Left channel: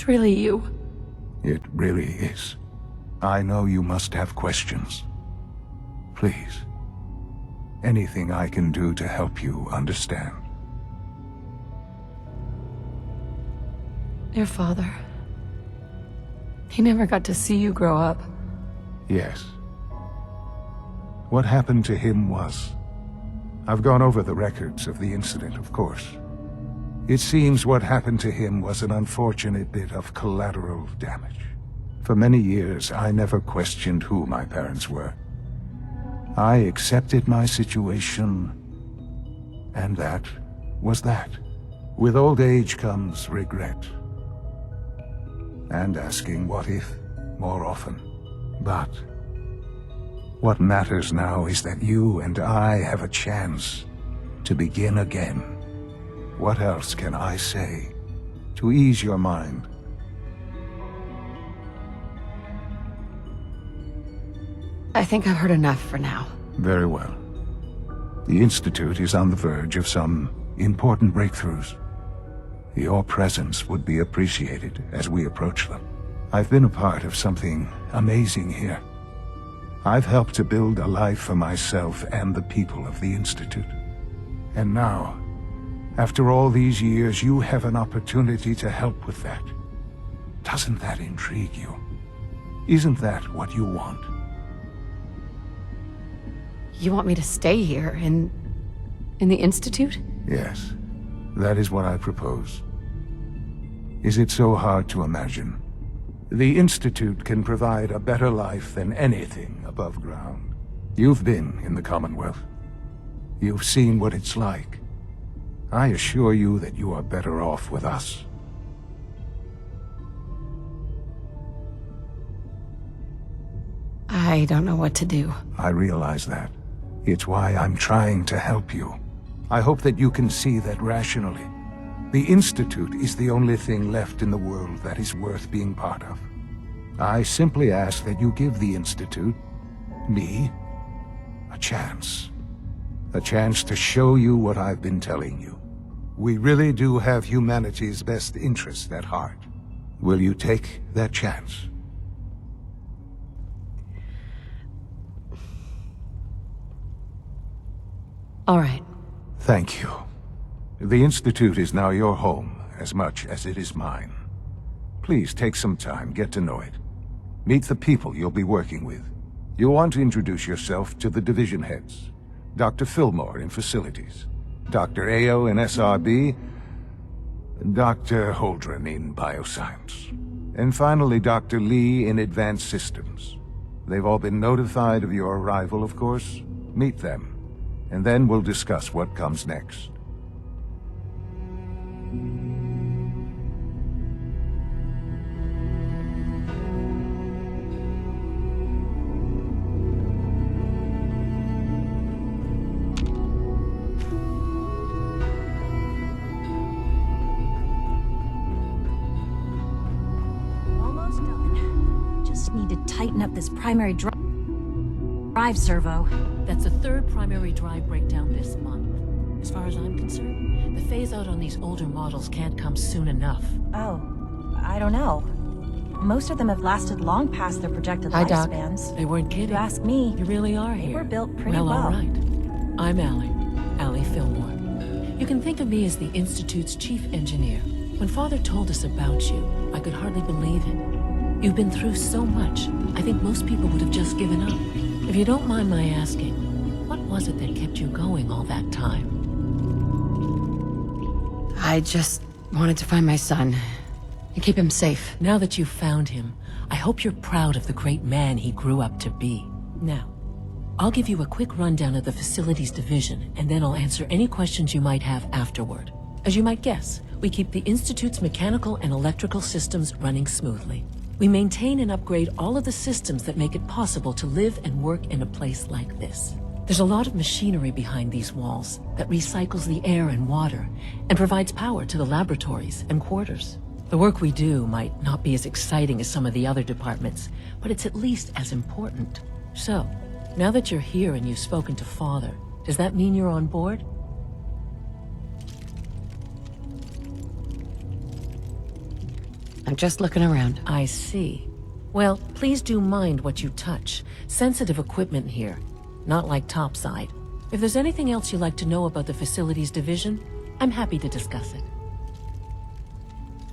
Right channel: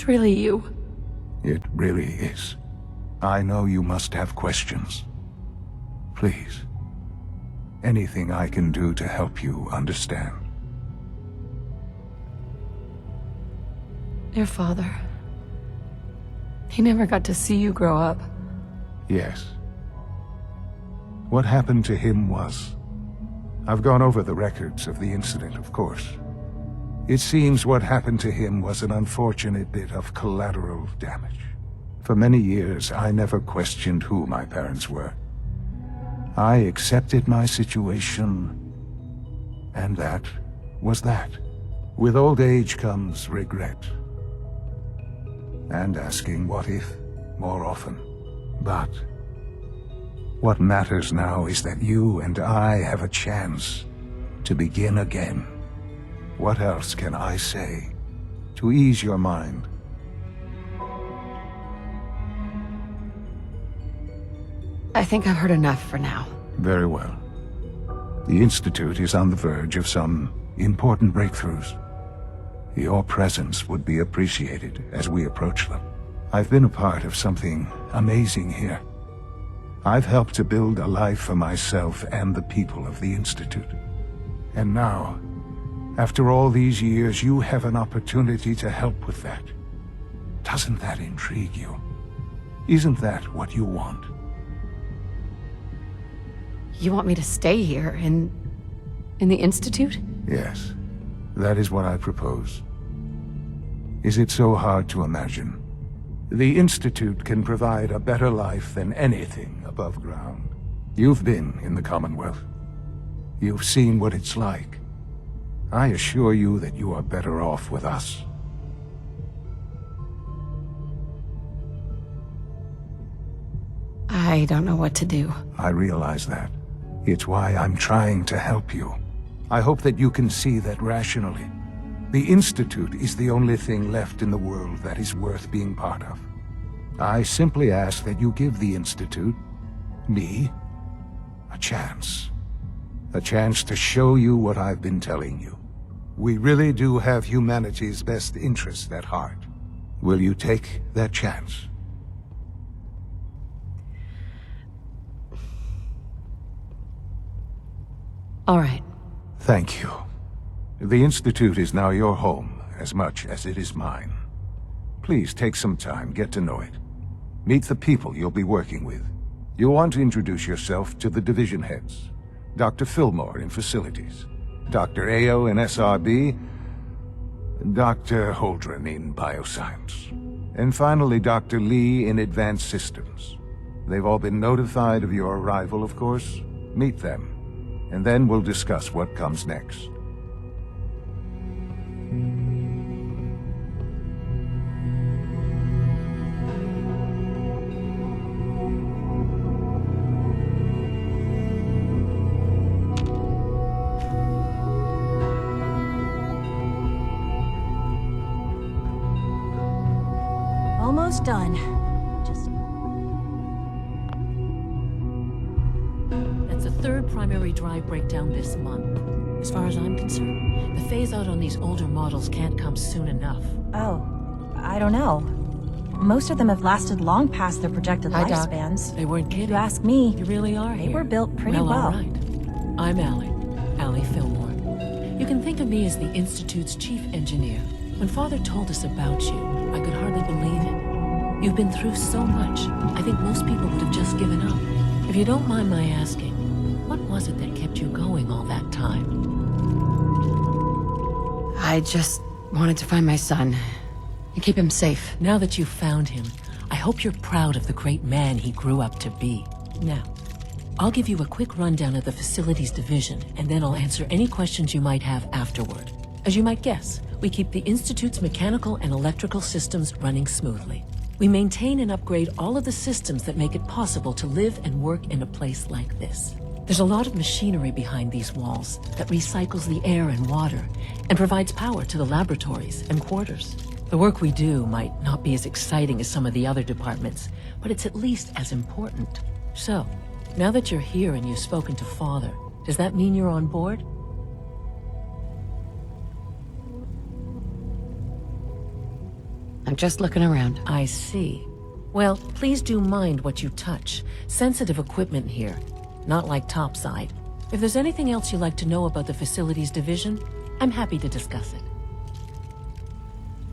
It's really you. It really is. I know you must have questions. Please, anything I can do to help you understand. Your father. He never got to see you grow up. Yes. What happened to him was... I've gone over the records of the incident, of course. It seems what happened to him was an unfortunate bit of collateral damage. For many years, I never questioned who my parents were. I accepted my situation, and that was that. With old age comes regret. And asking what if more often. But what matters now is that you and I have a chance to begin again. What else can I say to ease your mind? I think I've heard enough for now. Very well. The Institute is on the verge of some important breakthroughs. Your presence would be appreciated as we approach them. I've been a part of something amazing here. I've helped to build a life for myself and the people of the Institute. And now, after all these years, you have an opportunity to help with that. Doesn't that intrigue you? Isn't that what you want? You want me to stay here, in the Institute? Yes, that is what I propose. Is it so hard to imagine? The Institute can provide a better life than anything above ground. You've been in the Commonwealth. You've seen what it's like. I assure you that you are better off with us. I don't know what to do. I realize that. It's why I'm trying to help you. I hope that you can see that rationally. The Institute is the only thing left in the world that is worth being part of. I simply ask that you give the Institute, me, a chance. A chance to show you what I've been telling you. We really do have humanity's best interest at heart. Will you take that chance? All right. Thank you. The Institute is now your home, as much as it is mine. Please take some time, get to know it. Meet the people you'll be working with. You'll want to introduce yourself to the division heads. Dr. Fillmore in Facilities, Dr. Ayo in SRB, Dr. Holdren in Bioscience, and finally Dr. Lee in Advanced Systems. They've all been notified of your arrival, of course. Meet them, and then we'll discuss what comes next. Almost done. Just need to tighten up this primary drive servo. That's the third primary drive breakdown this month. As far as I'm concerned, the phase-out on these older models can't come soon enough. Oh, I don't know. Most of them have lasted long past their projected Hi, Doc. lifespans. They weren't kidding. If you ask me, You really are they here. were built pretty well. All right. I'm Allie Fillmore. You can think of me as the Institute's chief engineer. When Father told us about you, I could hardly believe it. You've been through so much, I think most people would have just given up. If you don't mind my asking, what was it that kept you going all that time? I just wanted to find my son and keep him safe. Now that you've found him, I hope you're proud of the great man he grew up to be. Now, I'll give you a quick rundown of the Facilities Division, and then I'll answer any questions you might have afterward. As you might guess, we keep the Institute's mechanical and electrical systems running smoothly. We maintain and upgrade all of the systems that make it possible to live and work in a place like this. There's a lot of machinery behind these walls that recycles the air and water and provides power to the laboratories and quarters. The work we do might not be as exciting as some of the other departments, but it's at least as important. So, now that you're here and you've spoken to Father, does that mean you're on board? I'm just looking around. I see. Well, please do mind what you touch. Sensitive equipment here, not like topside. If there's anything else you'd like to know about the facilities division, I'm happy to discuss it.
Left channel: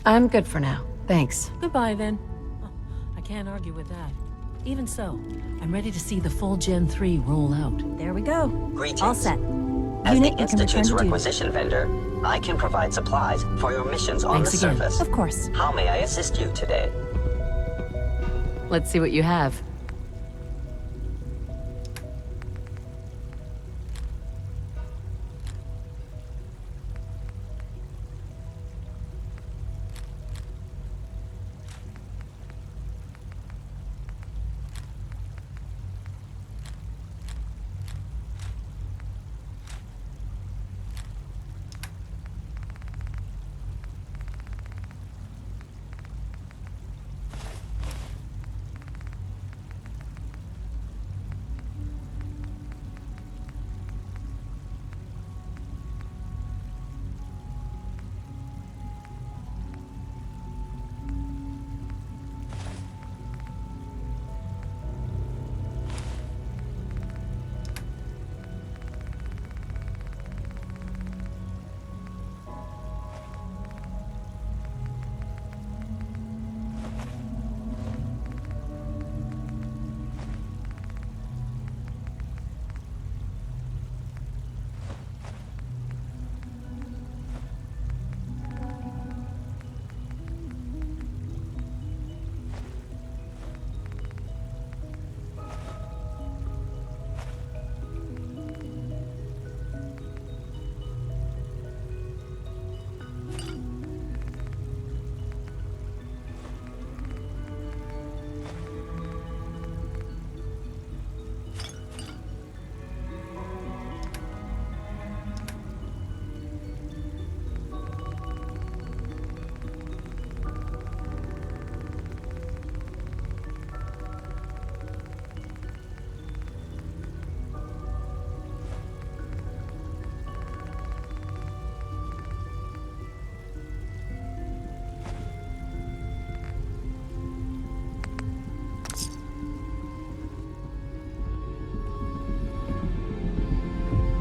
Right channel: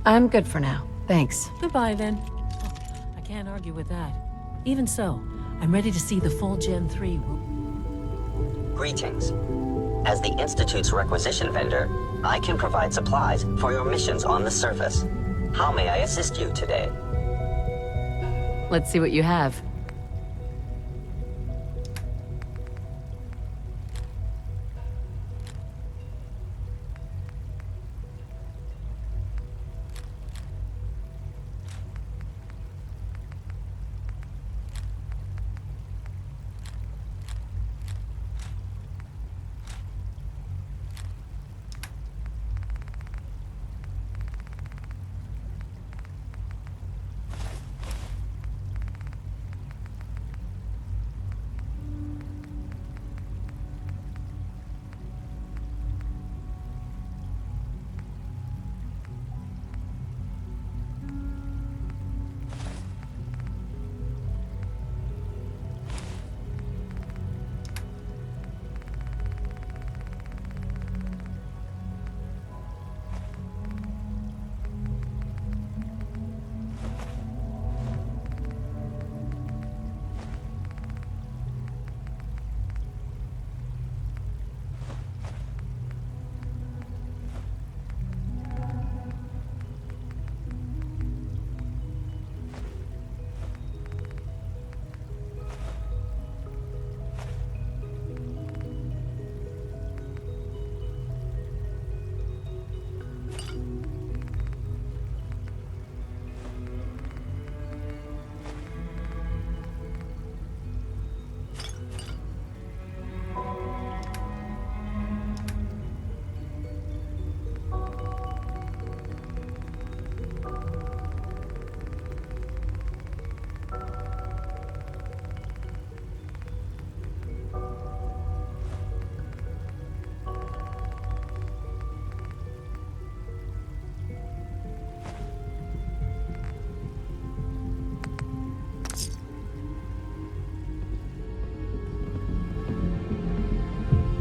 I'm good for now. Thanks. Goodbye, then. Oh, I can't argue with that. Even so, I'm ready to see the full Gen 3 roll out. There we go. Greetings. All set. As the Unit, you can Institute's return to duty. requisition vendor, I can provide supplies for your missions on the Thanks again. surface. Of course. How may I assist you today? Let's see what you have.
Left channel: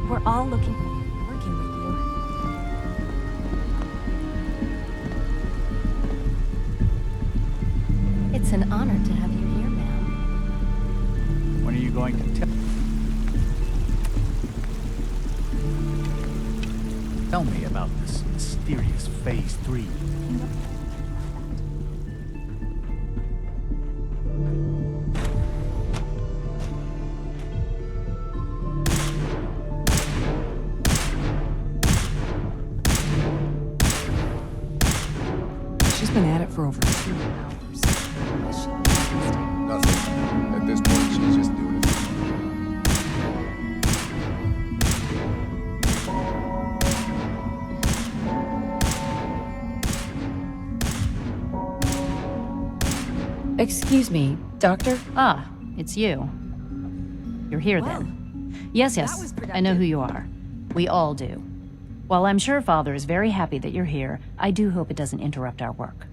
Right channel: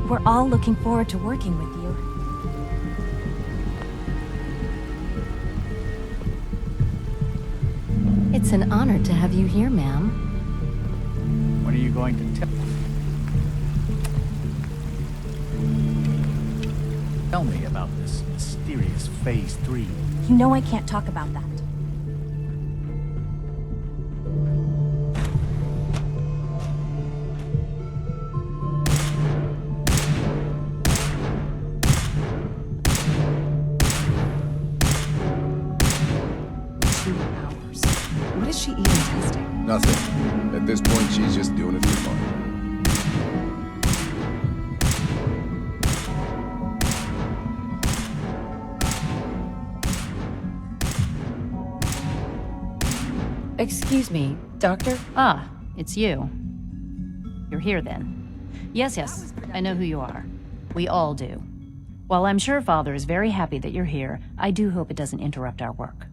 We're all looking forward to working with you. It's an honor to have you here, ma'am. When are you going to tell me about this mysterious Phase 3? You know I can't talk about that. She's been at it for over 2 hours. What is she even testing? Nothing. At this point, she's just doing it for fun. Excuse me, Doctor? Ah, it's you. You're here then. Yes, yes, I know who you are. We all do. While I'm sure Father is very happy that you're here, I do hope it doesn't interrupt our work.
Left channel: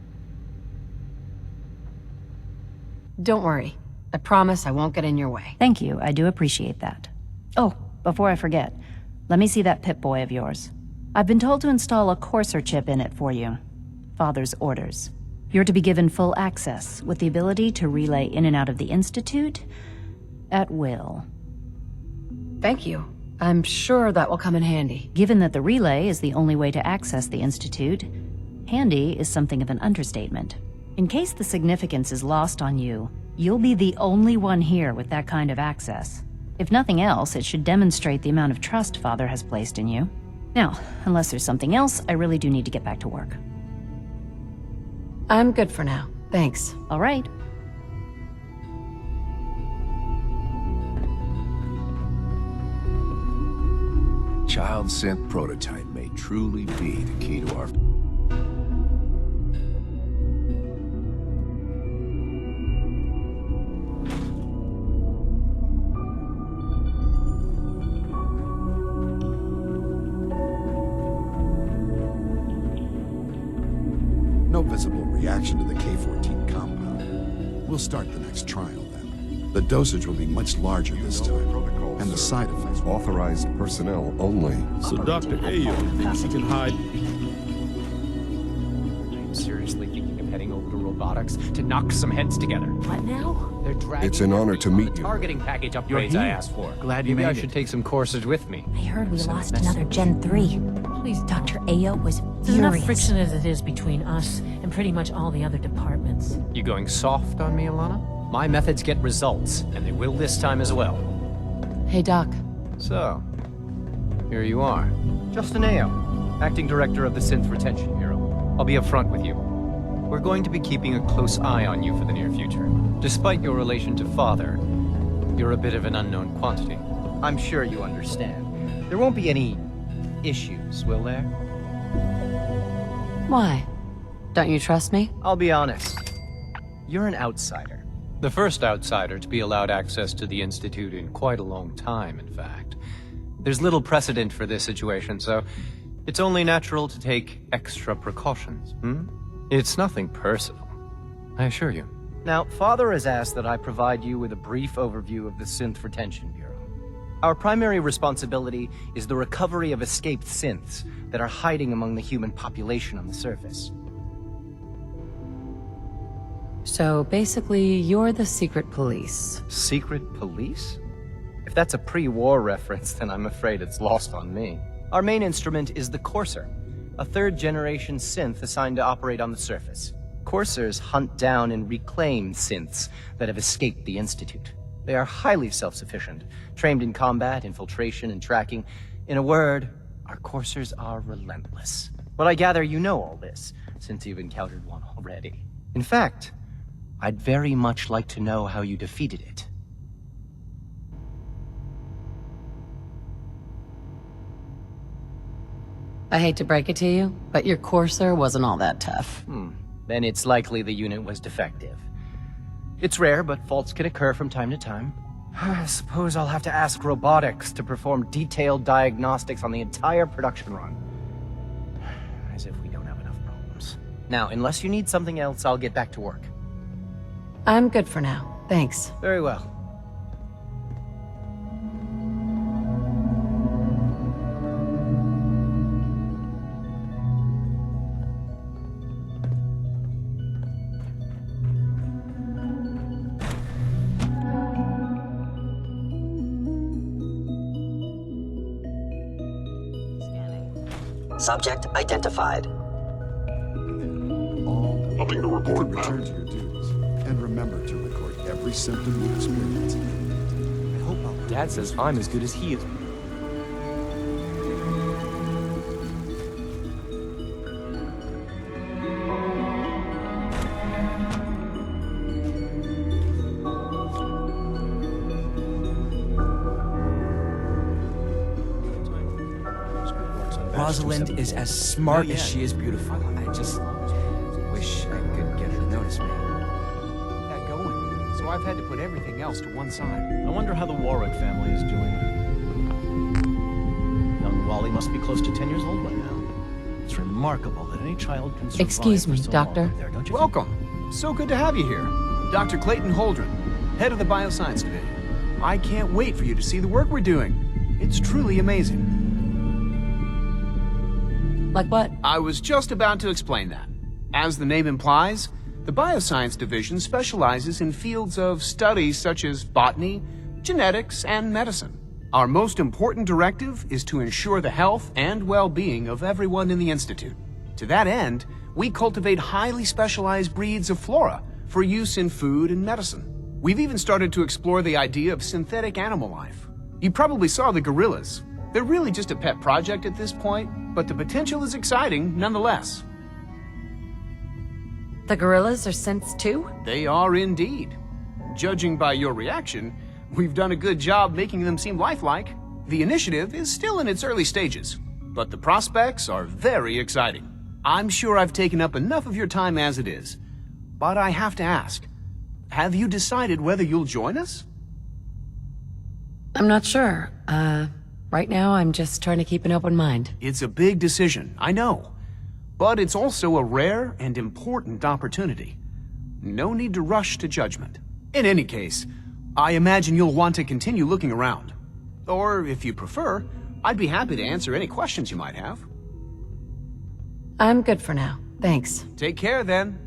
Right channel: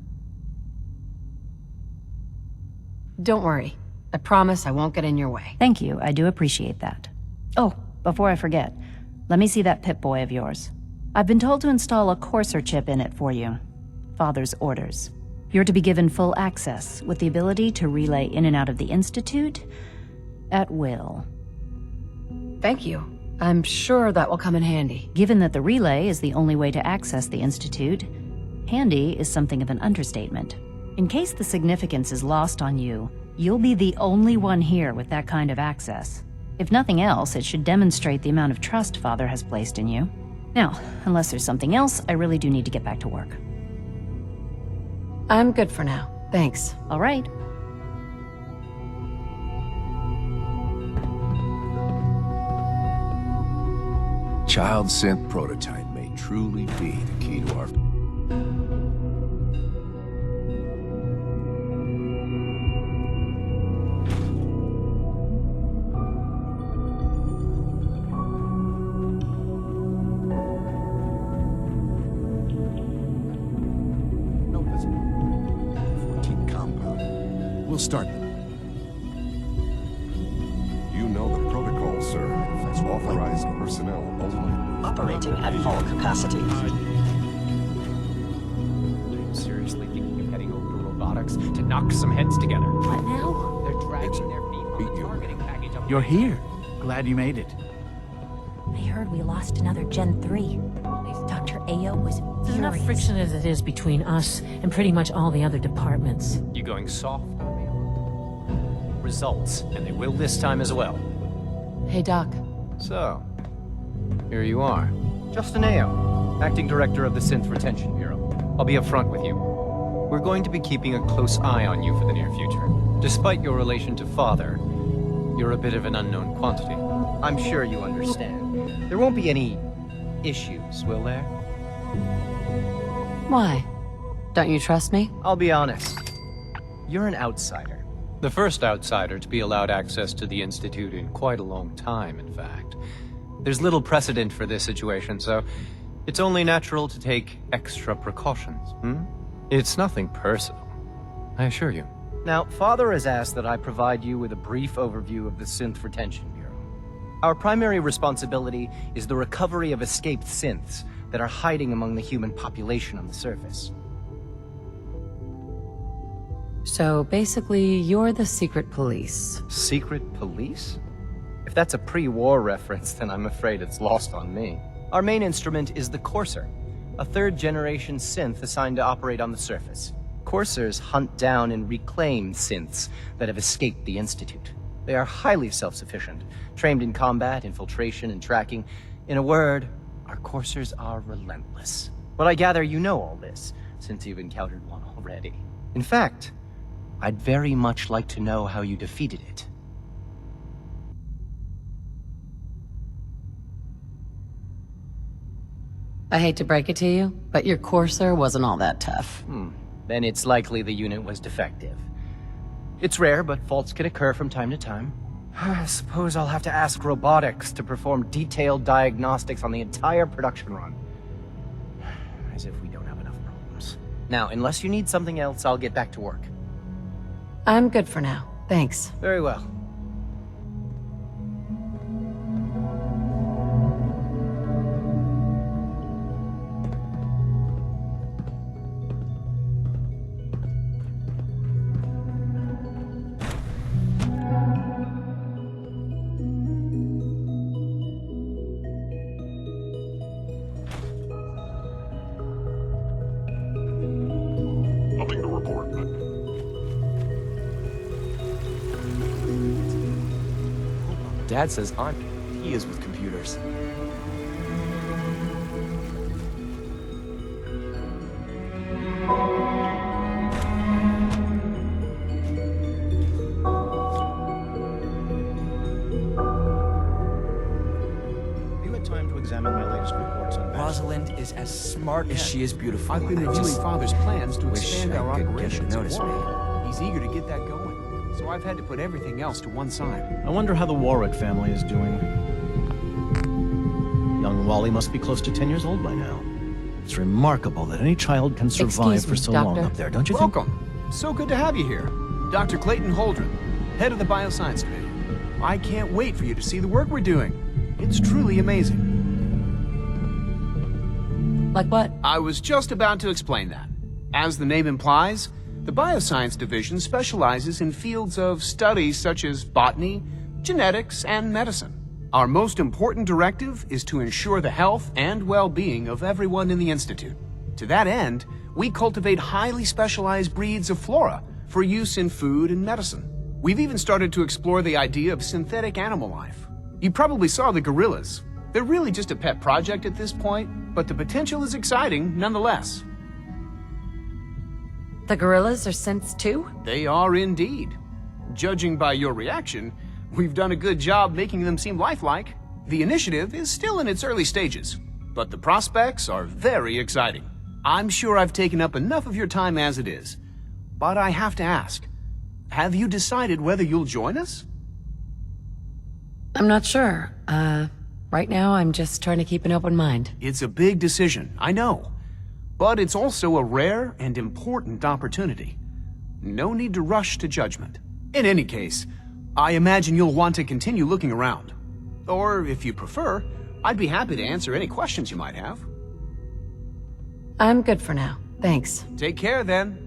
Don't worry. I promise I won't get in your way. Thank you, I do appreciate that. Oh, before I forget, let me see that Pip-Boy of yours. I've been told to install a Courser chip in it for you. Father's orders. You're to be given full access, with the ability to relay in and out of the Institute at will. Thank you. I'm sure that will come in handy. Given that the relay is the only way to access the Institute, handy is something of an understatement. In case the significance is lost on you, you'll be the only one here with that kind of access. If nothing else, it should demonstrate the amount of trust Father has placed in you. Now, unless there's something else, I really do need to get back to work. I'm good for now. Thanks. All right. Child synth prototype may truly be the key to our... No visible reaction to the We'll start the next trial then. The dosage will be much larger. You this know time, the protocol, and sir. the side effects will be Authorized personnel only. Operating at full capacity. I'm seriously thinking of heading over to robotics to knock some heads together. What now? They're dragging It's an honor to everyone meet the you. targeting package upgrades You're I here. asked for. Glad you Maybe made I should it. take some courses with me. I heard we lost another Gen 3. Please, Dr. Ayo was there's enough furious. friction as it is between us and pretty much all the other departments. You going soft on me, Alana? My methods get results, and they will this time as well. Hey, Doc. So, here you are. Justin Ayo, Acting Director of the Synth Retention Bureau. I'll be upfront with you. We're going to be keeping a close eye on you for the near future. Despite your relation to Father, you're a bit of an unknown quantity. I'm sure you understand. There won't be any issues, will there? Why? Don't you trust me? I'll be honest. You're an outsider. The first outsider to be allowed access to the Institute in quite a long time, in fact. There's little precedent for this situation, so it's only natural to take extra precautions, It's nothing personal, I assure you. Now, Father has asked that I provide you with a brief overview of the Synth Retention Bureau. Our primary responsibility is the recovery of escaped synths that are hiding among the human population on the surface. So basically, you're the secret police. Secret police? If that's a pre-war reference, then I'm afraid it's lost on me. Our main instrument is the Courser, a third-generation synth assigned to operate on the surface. Coursers hunt down and reclaim synths that have escaped the Institute. They are highly self-sufficient, trained in combat, infiltration, and tracking. In a word, our Coursers are relentless. But I gather you know all this, since you've encountered one already. In fact, I'd very much like to know how you defeated it. I hate to break it to you, but your Courser wasn't all that tough. Then it's likely the unit was defective. It's rare, but faults can occur from time to time. I suppose I'll have to ask robotics to perform detailed diagnostics on the entire production run. As if we don't have enough problems. Now, unless you need something else, I'll get back to work. I'm good for now. Thanks. Very well. Subject identified. Nothing to report, ma'am. And remember to record every symptom you experience. I hope Dad says I'm as good as he is with computers. Rosalind is as smart as she is beautiful. I've been I reviewing just Father's plans to wish expand our I could get her to operations. notice me. He's eager to get that going, so I've had to put everything else to one side. I wonder how the Warwick family is doing. Young Wally must be close to 10 years old by now. It's remarkable that any child can survive Excuse for me, so Doctor. long up there, don't you think? Welcome. So good to have you here. Dr. Clayton Holdren, head of the Bioscience Division. I can't wait for you to see the work we're doing. It's truly amazing. Like what? I was just about to explain that. As the name implies, the Bioscience Division specializes in fields of study such as botany, genetics, and medicine. Our most important directive is to ensure the health and well-being of everyone in the Institute. To that end, we cultivate highly specialized breeds of flora for use in food and medicine. We've even started to explore the idea of synthetic animal life. You probably saw the gorillas. They're really just a pet project at this point, but the potential is exciting nonetheless. The gorillas are synths too? They are indeed. Judging by your reaction, we've done a good job making them seem lifelike. The initiative is still in its early stages, but the prospects are very exciting. I'm sure I've taken up enough of your time as it is, but I have to ask, have you decided whether you'll join us? I'm not sure. Right now I'm just trying to keep an open mind. It's a big decision, I know, but it's also a rare and important opportunity. no need to rush to judgment. In any case, I imagine you'll want to continue looking around. Or, if you prefer, I'd be happy to answer any questions you might have. I'm good for now. Thanks. Take care, then.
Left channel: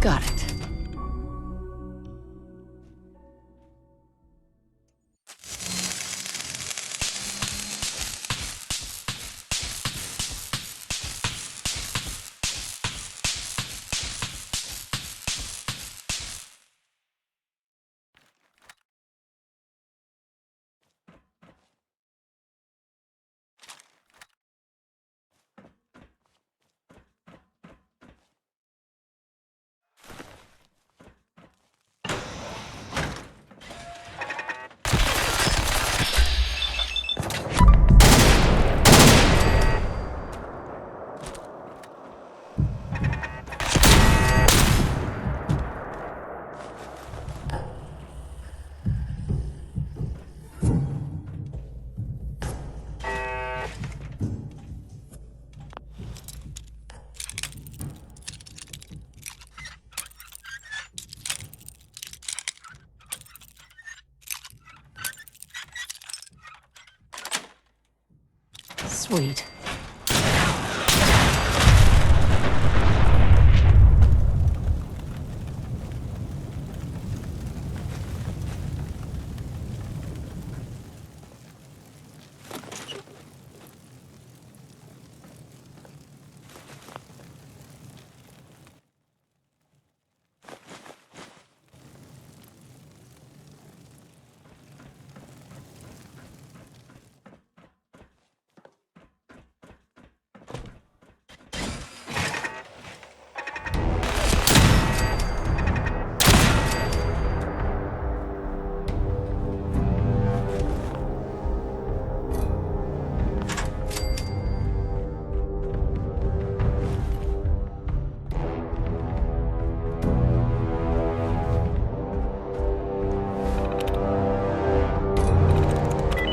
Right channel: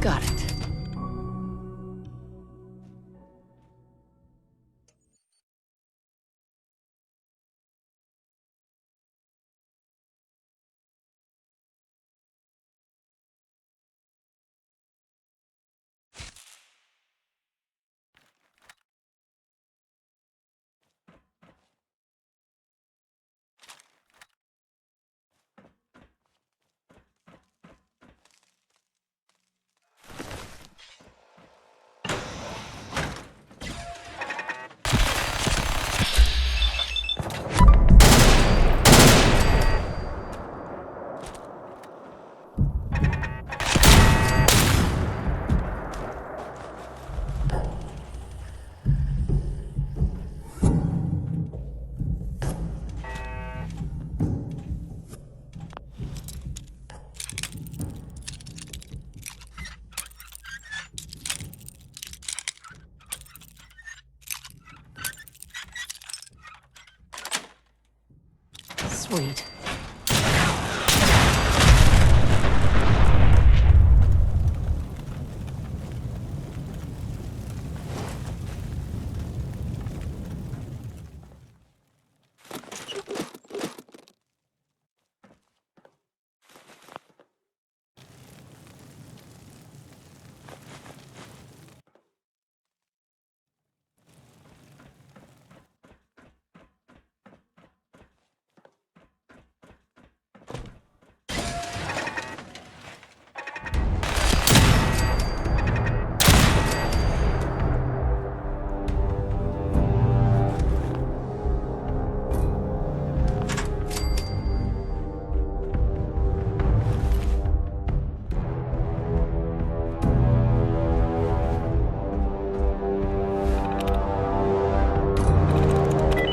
Got it. Sweet.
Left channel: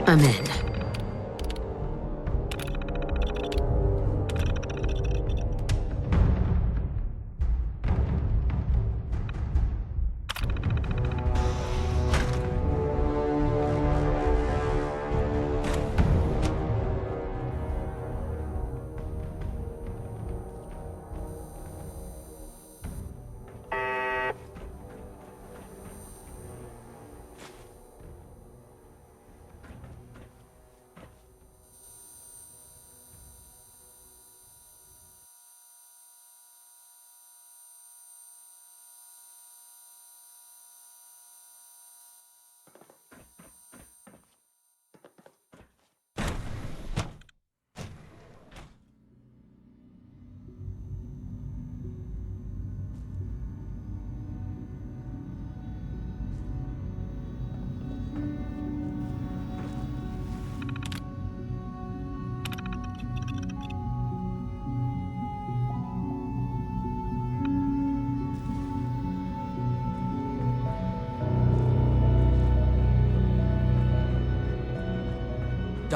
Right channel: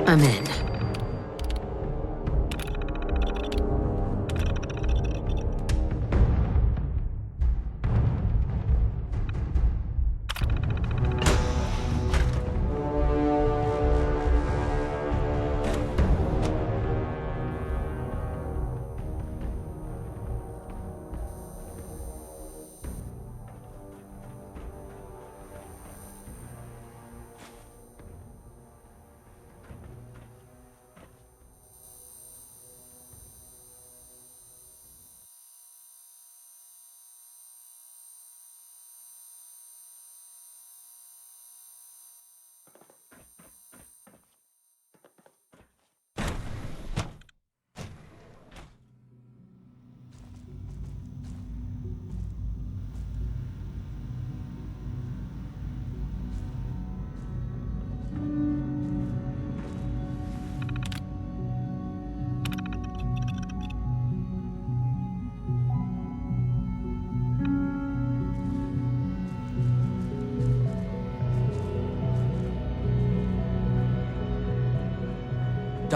I'm in.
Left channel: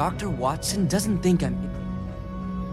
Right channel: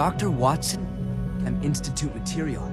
Dr. Watson doesn't think I'm Institute material.